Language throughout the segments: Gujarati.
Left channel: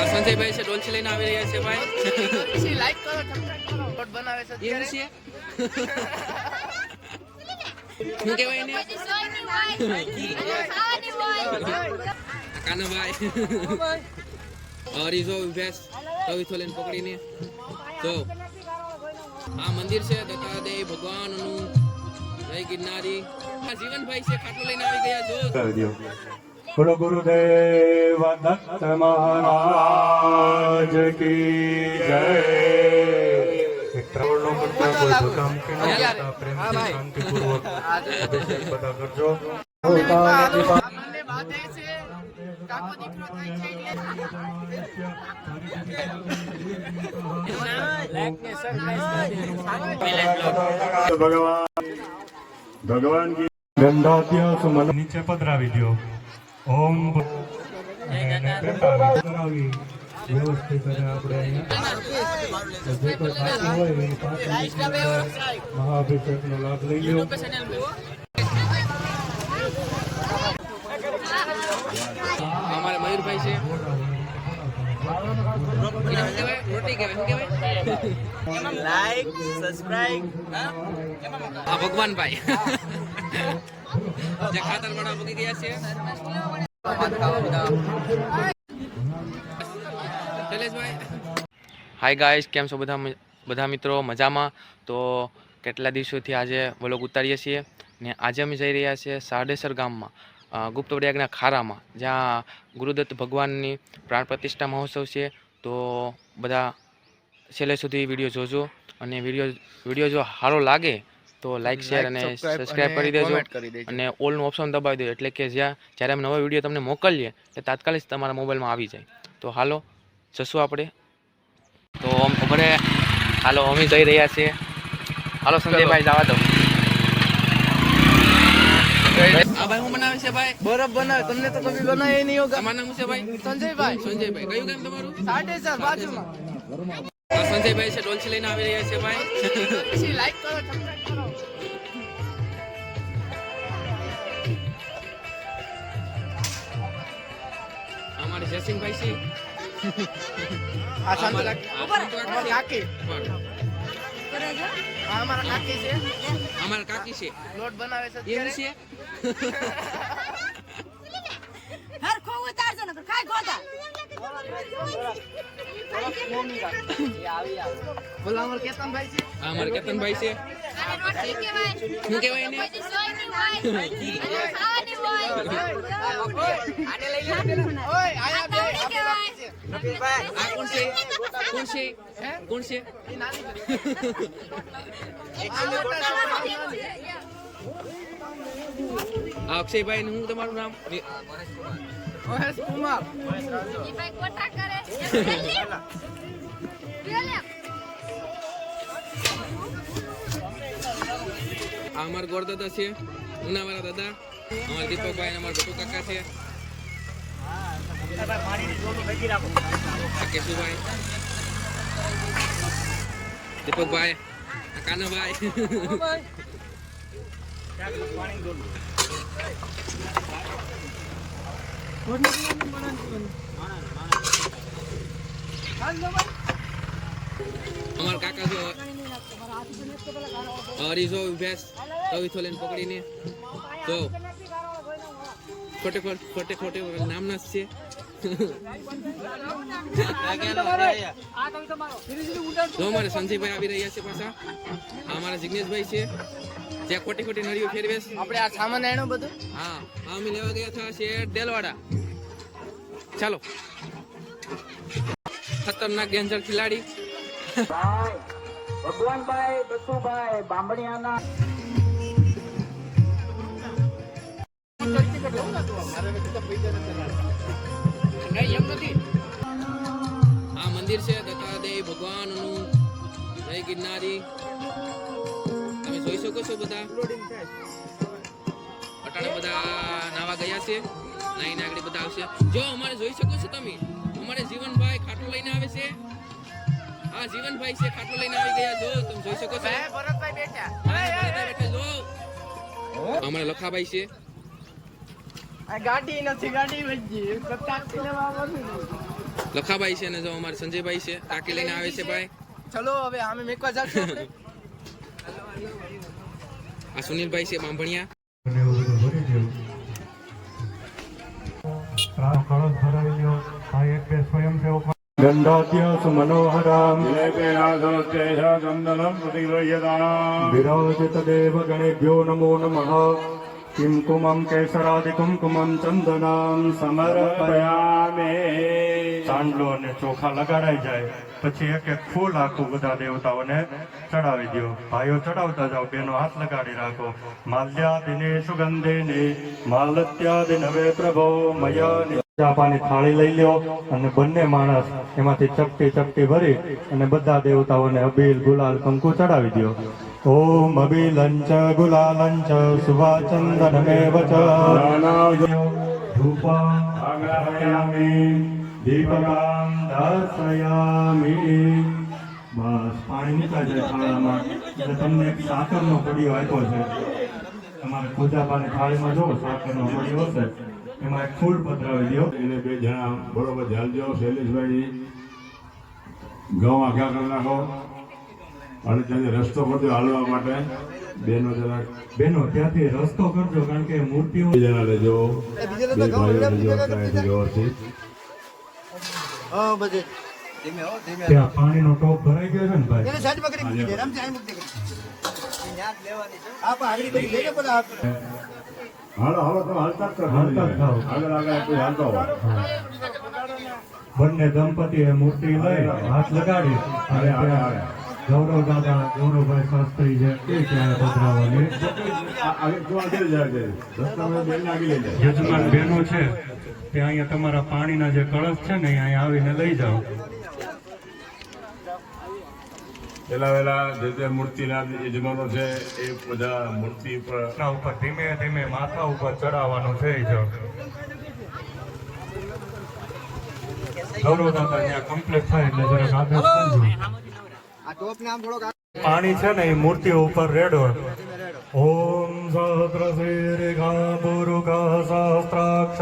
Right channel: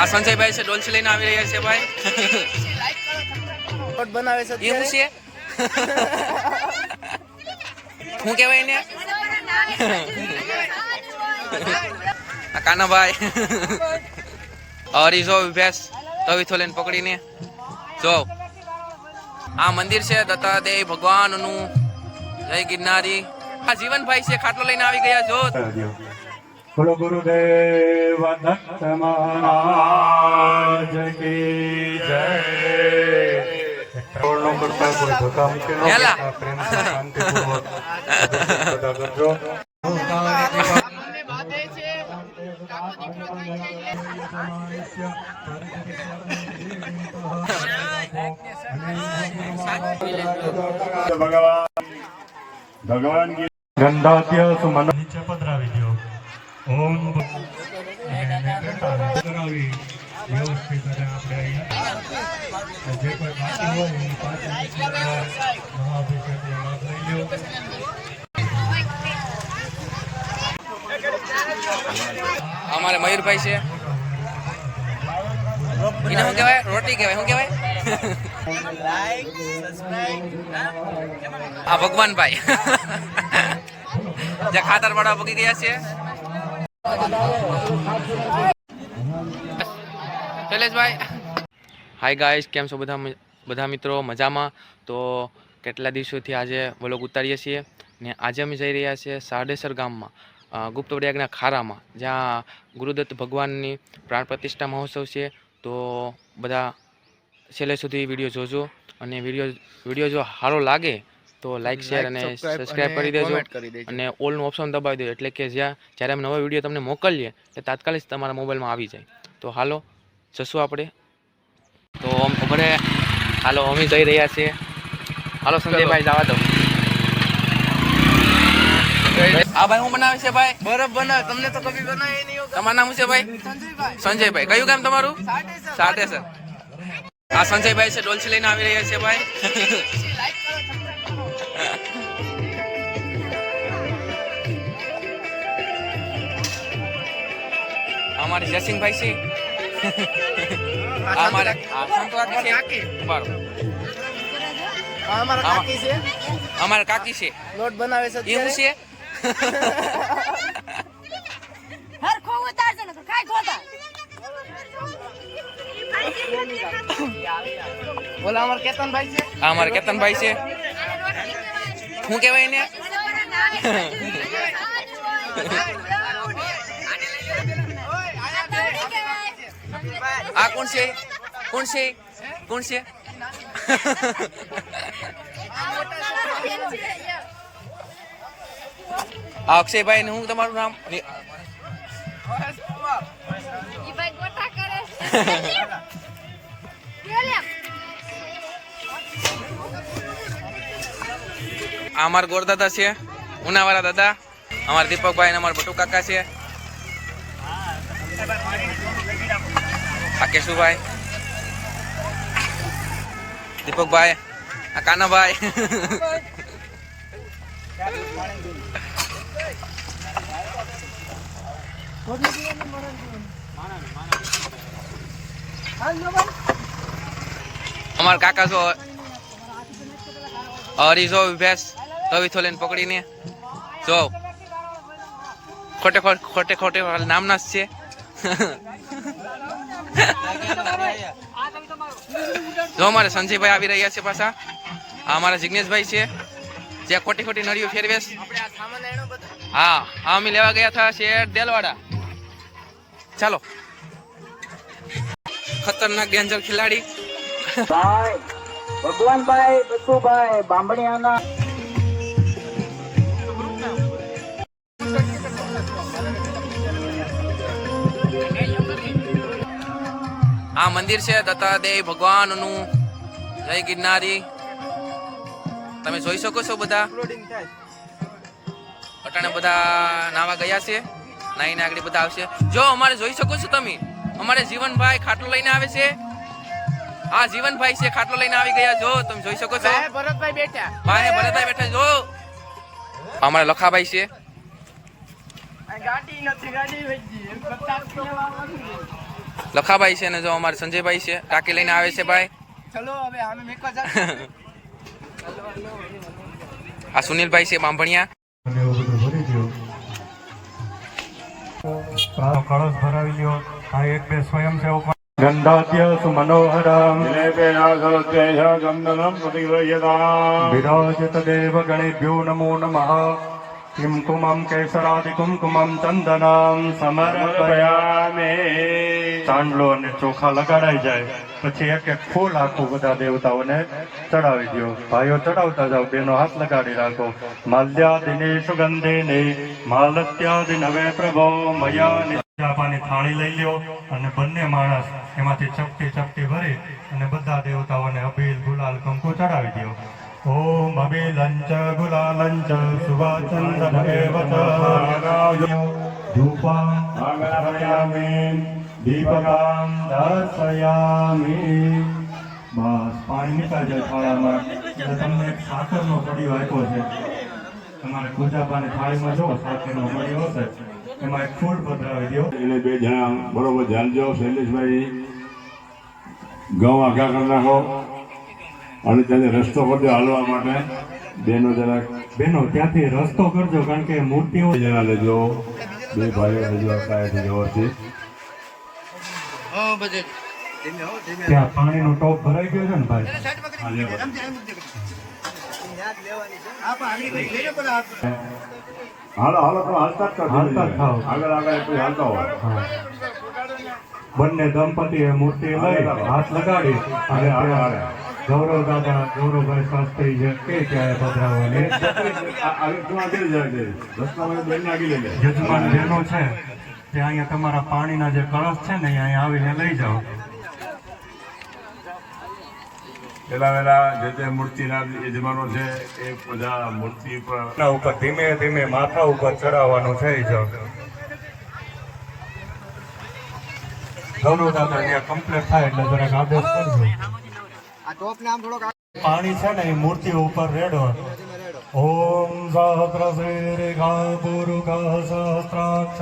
આ સંજયભાઈ છે ડોલસી લઈને આવી રહ્યા છે ભાઈ. એ હું છે? શું કહેવાય ને કાનાભાઈ હરી જો ભેંસ તવીથો લઈને પકડીને. જો. આ મંદિર છે દત્તાદેવ ભગવાનનું. જય ગિરનારી. આ જીવનભાઈ છે, ખાટલો લઈને આવી ગયા, જો. બોલો ગુરુદેવ દત્ત મહારાજ કી જય. કોઈ ધકામ કે ન હેલા. કરતા પ્રેમના શાંતિપૂર્વક કરજો. ભગવાન. ભગવાન ગંધાત્ય સુમન. નીચે પધરાવી દો વ્યવસ્થિત અને આપણે જે કોઈ ખાતું હોય મહાઅભિષેકનો લાભ લઈ લો અમારે મયુરભાઈ છે. એને શું કહેવાય? રોટી કહેવાય. શું કહેવાય? લાઈક સબસ્ક્રાઇબ આ ભગવાનભાઈ. જે ખાતર વાળા પકી ગયા છે. શૈલેષભાઈ. હાય ગાઈસ કેમ છો બધા બધા મિત્રો? મજામાં? તો કેટલા દિવસોથી આજે વ્લોગ ઉતારીએ છીએ ને આજે અમે જઈ રહ્યા છીએ સાડેસર ગામમાં ગુપ્ત પ્રયાગના ખારામાં, જ્યાં ગુરુદત્ત ભગવાનની પ્રાણ પ્રતિષ્ઠા મહોત્સવ છે. તો બધા છેલ્લે સુધી વીડિયો જોજો અને વીડિયો વીડિયો જો સારો લાગે તો લાઈક શેર અને સબસ્ક્રાઇબ કરી દેજો અને ઓલનું ઓપ્શન દબાવી દેજો. એટલે કે જ્યાં જ્યારે અમે નવો વીડિયો તમને મોકલીએ એ તાત્કાલિક તમારા મોબાઈલમાં આવી જાય. તો હાલો જશું આપણે. તો ખબર હાલો અમે જઈ રહ્યા છીએ. હાલો સંજયભાઈ જવા દો. આ ભાઈ હું બનાવે છે ભાઈ? બરફ બનાવે તમને તો કભી બનાવે નહીં હોગા તમારું નામ છે ભાઈ? સંજયભાઈ. સંજયભાઈ. કયું કામ તમારું? સાડે સાત સાટે આ સંજયભાઈ છે ડોલસી લઈને આવી રહ્યા છે ભાઈ. અમારે જયસિંહભાઈ છે. આ આ અમારે. અમારા કાકી છે. અમારે કાકી છે. લોટ બનાવે છે એવું છે? હરખો ઉતારજો ને કાઈ ગોતા ઓલા અમારા કેતનભાઈ છે. આ અમારે કેતનભાઈ છે. શું કહેવાય ને આ કોણ છે? કોણ છે? કોણ છે? આ અક્ષયભાઈ હું તમારું નામ? આ અમાર ગોરદાદા છે ઉનાવાળા દાદા, અમારા દીપકભાઈ અને અમારા બટુ કાકા છે. આ કેશુભાઈ દીપકભાઈ આ કાનાભાઈ અમારા કાકા જો હરીજો ભેંસ તવીથો લઈને પકડીને જો. ખોટ ખોટે ખોટે નામના જ છે. જો અમારે સંજયભાઈ આવી રહ્યા છે પાછા. આ અમારા જિગ્નેશભાઈ છે. જે ખોટી ખોટી નળીઓ ફેરવેશ. આપણે આ સામાન એનું બધું? હા હા અમે લેવા ગયા હતા શેર દેલવાડા. ચાલો. ખતરનાક ડેન્જર ખિલાડી. ભાઈ ભગવાનભાઈ બસુભાઈ બામણિયાના આ મંદિર છે દત્તાદેવ ભગવાનનું. જય ગિરનારી. તમે જોઈ શકો છો બધા. અટાણે બધા નાવા ગયા છે. નાઈને આગળ બધા આવશે. જો અમારે જોઈ શકો છો તમે અમારે જીવનભાઈ ખાટલો લઈને આવે છે. આ જીવનભાઈ છે ખાટલો લઈને આવી ગયા. જો તમે જોઈ શકો છો. ભરતભાઈ બેઠા. બાને ભરતભાઈ બેઠા. જો. અમારે લખાભાઈ છે. ગાડી નથી ગાડી વહી લખાભાઈ છે ને જો અમારે સંજયભાઈ છે ટાંકી લઈને આવે છે ભાઈ. ચલો હવે અમે મેકવા જા આ સુનિલભાઈ છે બાંભણિયા. અને એવું બધું ભરી દો સારો કળશ ભરાવી આ એક બે સ્વયંસેવક ગંધાત્ય સુમનોહરામ વિરાજત દેવ ગણેભ્યો નમો નમઃ. કિમ कुमं કુમકુમમ ચંદનામ સમર્પયામે ચાંદલો અને ચોખા લગાડાઈ જાય પછી એક એક ફૂલ આખું બધા દેવતાઓને ચડાવી દો ભાઈઓ, ચડાવતા જાઓ, બેનો હાથ લગાડી રાખો. માલ્યાદિને સુગંધેને માલત્યાદિ હવે પ્રભો મયા ચાપાની થાળી લઈ લ્યો અને બંને માણસ એમાંથી ચપટી ચપટી ભરી અને બધા દેવતાઓને અબીલ ગુલાલ કંકુ ચડાવી દો ઓમ અબીલંચ ગુલાલંચ સુભાચંદનમેવ च ધૂપા આગરયામિ દીપકામ દર્શયામિ બસ પાણી નીકળી જાય થાળામાં એટલે તમને એક સાકરનો કડીયો આપ્યો છે. તમારે ખુદાબાને થાળીમાં જો સાકરનો કડીયો હશે. એમાં એક ફૂલ પધરાવી દો એટલે બે જણા બરોબર ધ્યાન દો શૈલેષભાઈ. ઘઉં આઘા કરી નાખો. અને ત્યાં રસ્તો કરજો હાલવા માટે બેનો જરાક બેનો ત્યાંથી રસ્તો કરજો કારણ કે મૂર્તિઓ જણા લેજો. બે ભાઈઓ લેજો ત્યાંથી વ્યવસ્થિત. ત્યાં પાણીનો ટોપ ભરાઈ ગયો છે ને ભાઈ? હાલો હાલો તો હાલતા જ કરજો હાલતા જ થાવ. આગળ આગળ કોઈ હાલતા હોય. બંને દંપતીએ મૂર્તિ લઈ હાથ લગાડી અને ગૌરવ દાદા ગૌરવભાઈ શાસ્ત્રી જે તે ત્યારે જાય યજમાન બહેનો છે તે અહીંયા તમારા પાણીના જે કળશ છે ને અહીંયા આવીને લઈ જાઓ. પેલા વેલા જે તે મૂર્તિના યજમાનો છે એ બધા મૂર્તિ ઉપર ઉપર ધીમે ધીમે માથા ઉપર ચડાવવાનું છે ગૌરવ દાદા ત્યાં કમ્પ્લીટ થાય એટલે જરાક આગળ કરજો. પાણી છે ને એ મૂર્તિ ઉપર રેડો ઓમ સહસ્ર શીર્ઘા પુરુષ સહસ્રાક્ષ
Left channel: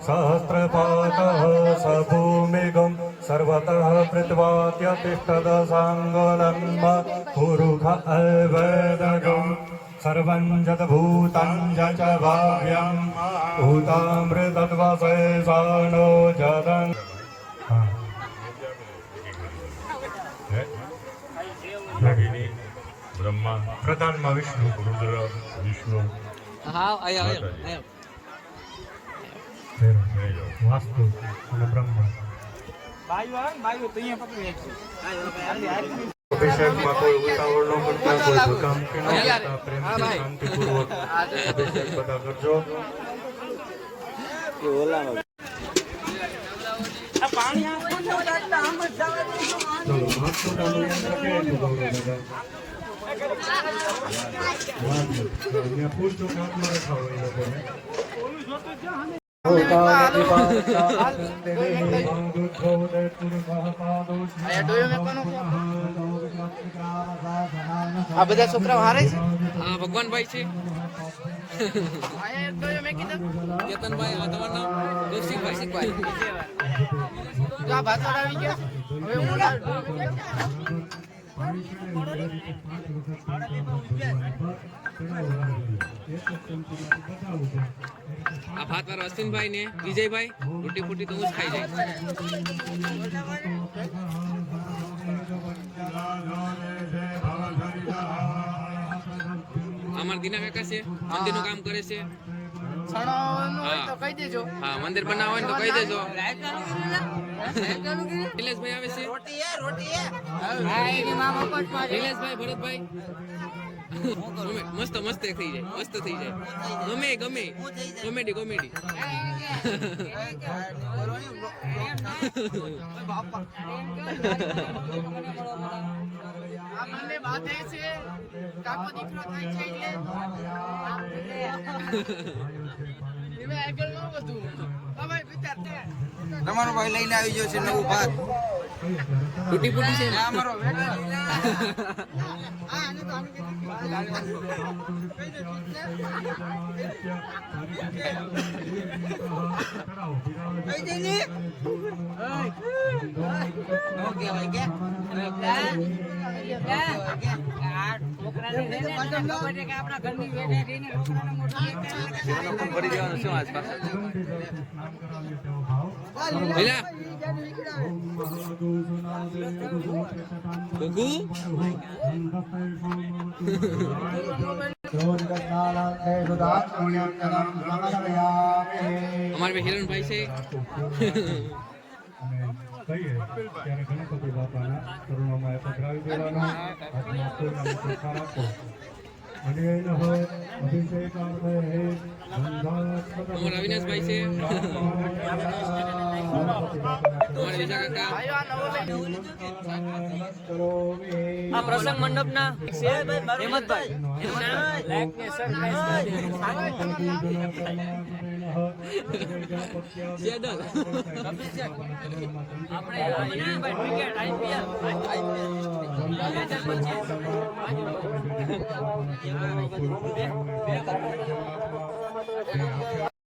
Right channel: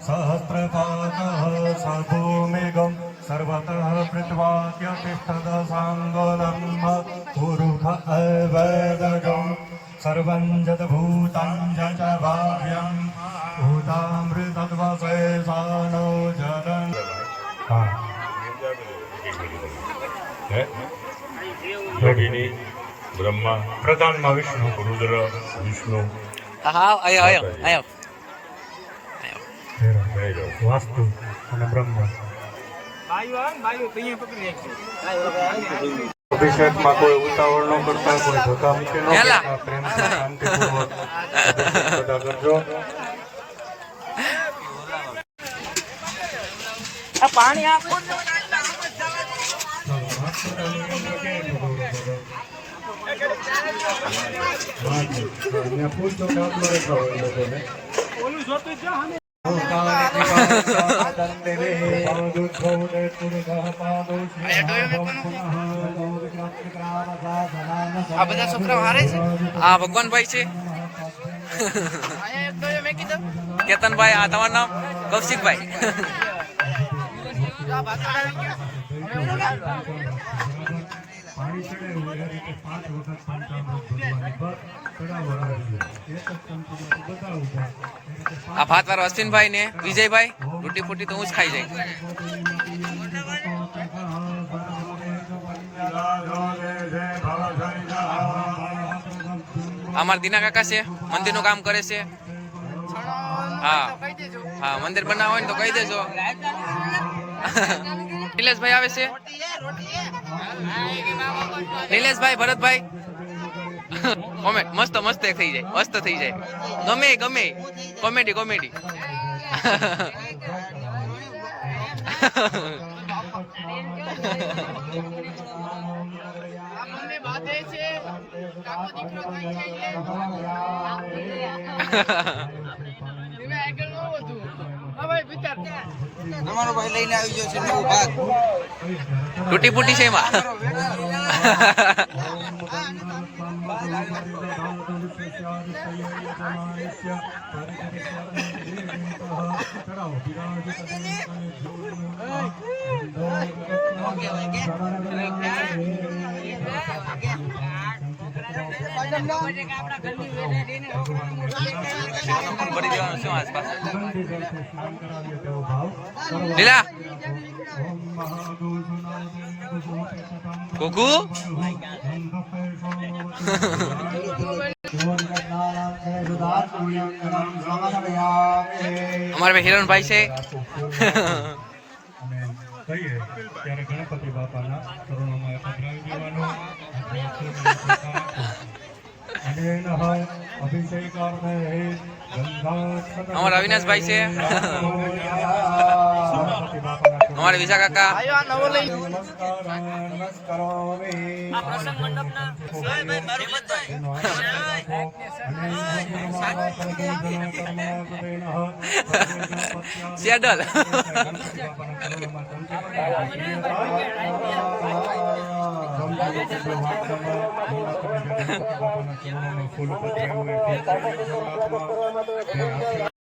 સહસ્રપાક સભૂમિગમ સર્વત કૃત્વાક્ય તિષ્ઠદ સાંગલમ પુરુષ અવેદગમ સર્વં જત જચ ભાવ્યમ ભૂતામૃતદ્વસેસાનો જલન હા ભગિની બ્રહ્મા પ્રધાનમાં વિષ્ણુ રુદ્ર વિષ્ણુ. હા આયો આયો આયો. વાસ્તુ અને બ્રહ્મ. અભિષેકમાં કોઈ ઉતાવળ ન કરતા કોઈ ધકામકી ન કરતા પ્રેમથી શાંતિપૂર્વક બધા કરજો. આ બધા છોકરા હારે છે? આ ભગવાનભાઈ છે. કેતનભાઈ આ તમારું નામ? કૌશિકભાઈ. આ ભાત વાળો અશ્વિનભાઈ ને વિજયભાઈ, રોટી ફૂટી તો હું જ ખાઈ જાય અમારા દીના કાકા છે, મંદિરનું કામ કરે છે. હા. હા, મંદિર બનાવવા હોય ને તો કહી દેજો. નિલેશભાઈ આવે છે? નિલેશભાઈ, ભરતભાઈ? કોમેન્ટ મસ્ત મસ્ત થઈ જાય. મસ્ત થઈ જાય. ગમે ગમે. Comedy comedy. આ બંને બાંધે છે. કાકો દીકરો થાય છે એટલે તમે આગળ ન વધુ હા ભાઈ વિચાર તમારો ભાઈ લઈને આવી ગયો છે નવું ભાત તૂટી ફૂટી છે એમાં? આપણા ઘરની વેઠા રહીને ભરી દેવાનું શું આસપાસ? લીલા ગોકુ અમારા ભાઈ હિરણભાઈ છે કહીએ ત્યારે ગણપતિ બાપાના ચરણોમાં પધરાવી દેવાનો હાથમાં ફૂલની ચોખા આપો. અનેન અભિષેકાર્થે ગંધા અમારા અવિનાશભાઈ છે ગણપતિ બાપાના ચરણોમાં અમારા વિશા કાકા પ્રસન્ન મંડપના સેડલ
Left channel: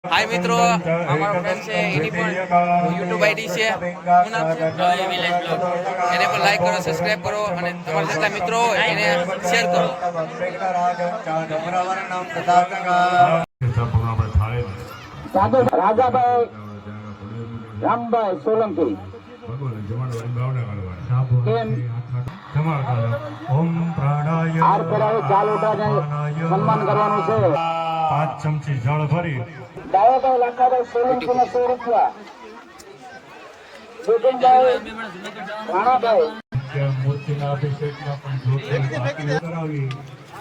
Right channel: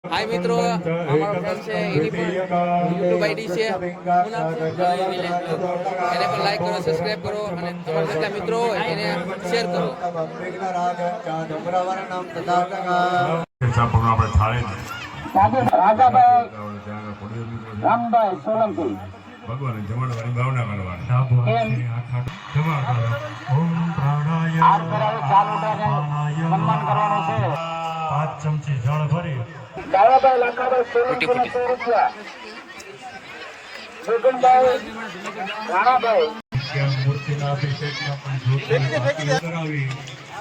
હાય મિત્રો. અમારો ફ્રેન્ડ છે એની પણ યુટ્યુબ આઈડી છે. શું નામ છે? એને પણ લાઈક કરો સબસ્ક્રાઇબ કરો અને તમારા જેટલા મિત્રો હોય એને શેર કરો. રાજાભાઈ રામભાઈ સોલંકી. ભગવાન ઓમ પ્રાણાય સન્માન કરવાનું છે. પાંચ ચમચી જળ ભરી.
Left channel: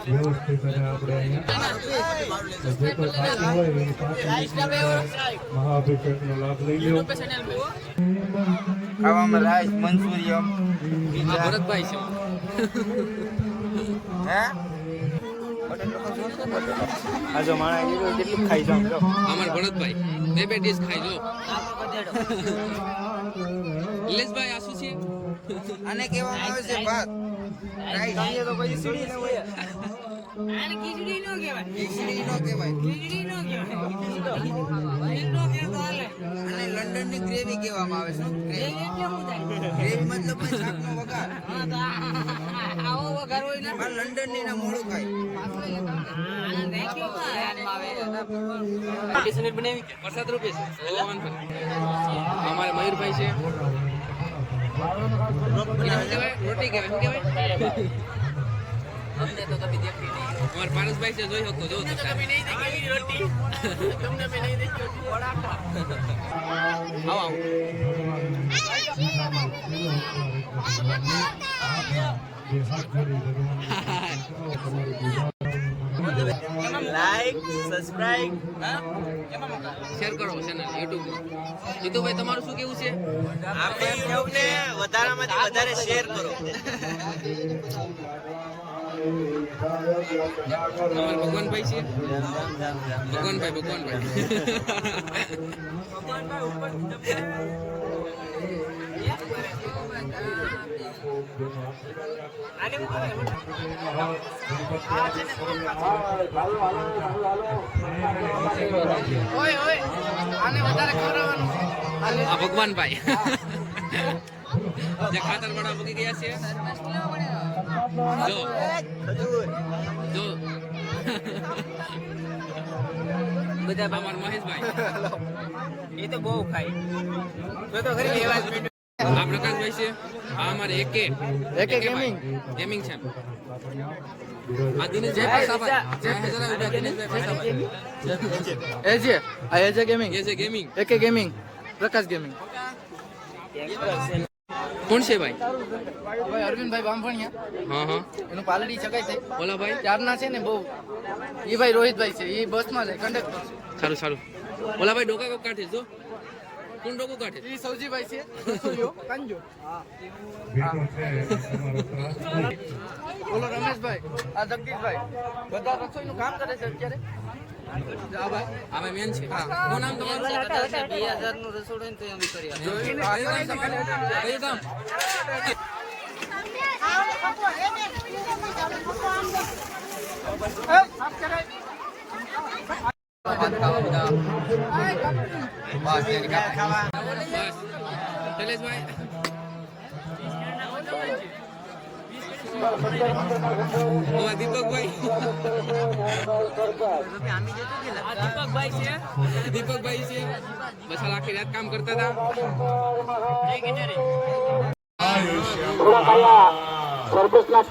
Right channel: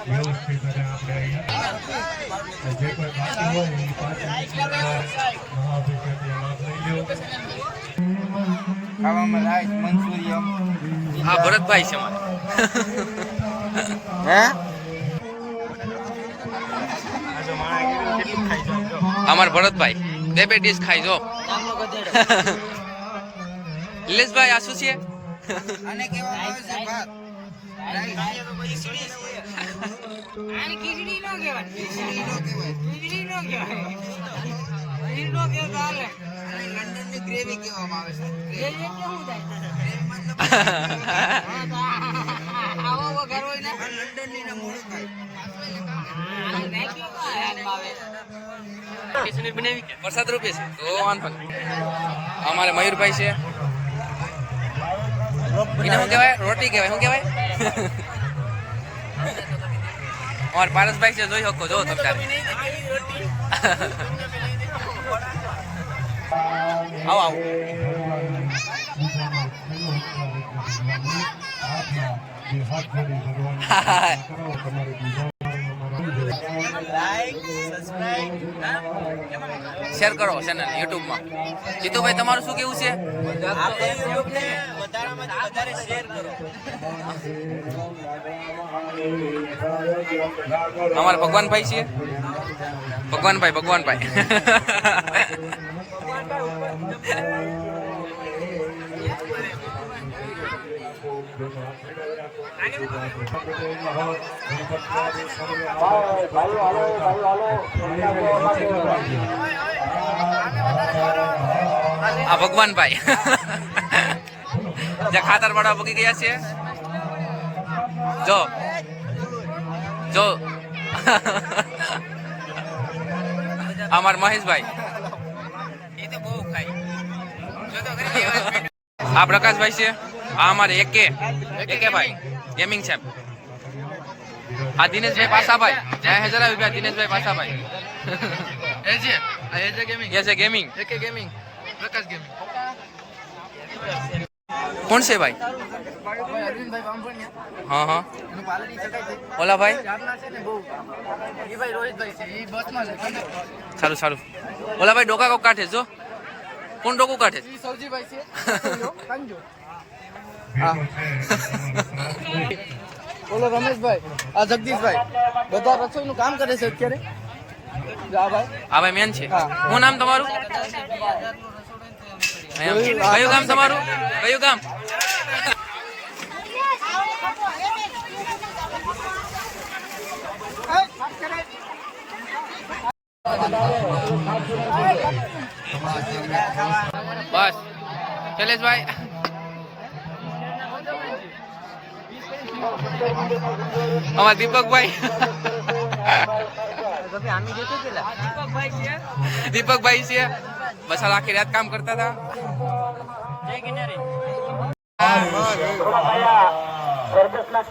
વ્યવસ્થિત અને આપણે અહીંયા. જે કોઈ ખાતું હોય એ પાંચ મિનિટમાં મહાઅભિષેકનો લાભ લઈ લો ખાવામાં રાઈસ મંચુરિયમ આ ભરતભાઈ છે હે? અમાર ભરતભાઈ બે બે ડીશ ખાઈ જો. લીલેશભાઈ આ શું છે? આને કહેવામાં આવે છે ભાત. લંડનની ગ્રેવી કહેવામાં આવે શું એ એટલે શું થાય? ગ્રેવી મતલબ હા તો આ- આવો વઘાર હોય ને. લંડનની મોડું ખાય. હાથમાં આવે વરસાદ રૂપે છે. તો વાંધો નહીં. અમારે મયુરભાઈ છે. એને શું કહેવાય? રોટી કહેવાય. શું કહેવાય? અમારે પારસભાઈ છે જોઈ શકો જો તમે આવો આવો. જે તમારી પૂજા શેર કરો ચેનલ યુટ્યુબમાં જીતુભાઈ તમારું શું કેવું છે? આપણે યુટ્યુબ ને વધારામાંથી વધારે શેર કરો. અમારા ભગવાનભાઈ છે ભગવાનભાઈ ભગવાનભાઈ ભાઈ ભાઈઓ હાલો ભાઈઓ હાલો પ્રસાદ લેવા માટે આ ભગવાનભાઈ. જે ખાતર વાળા ભૂકી ગયા છે. જો. જો. અમાર મહેશભાઈ. એ તો બહુ ખાય. આ પ્રકાશભાઈ છે. આ અમારે એકે. એકે ભાઈ ગેમિંગ છે આ દિનેશભાઈ પાસાભાઈ. જય હજાર રૂપિયા દિનેશભાઈ પાસાભાઈ. એજે આ એજે ગેમિંગ એ છે ગેમિંગ એકે ગેમિંગ પ્રકાશ ગેમિંગ કોણ છે ભાઈ? અરવિંદભાઈ હા હા. એનું પાલડી છે. ઓલા ભાઈ? ચારના છે ને બહુ. એ ભાઈ રોહિતભાઈ છે. એ બસમાં છે કંડક્ટર સારું સારું. ઓલા ભાઈ ડોકા કોક કાઢે જો. કોણ ડોકું કાઢે છે? સૌજીભાઈ છે. કાંજો ભેટો છે તમારો ત્રાસ નહીં. ઓલો રમેશભાઈ આ જગદીશભાઈ. બધા રસોઈનું કામ કરે છે અત્યારે? આ ભાઈ? મેન છે. હા. શું નામ તમારું. કયું ગામ તમારું? કયું ગામ? બસ. શૈલેષભાઈ અમારા દીપકભાઈ. દીપકભાઈ છે. બસ હાલ આખી રાત કામ કરતા હતા. સર્કસના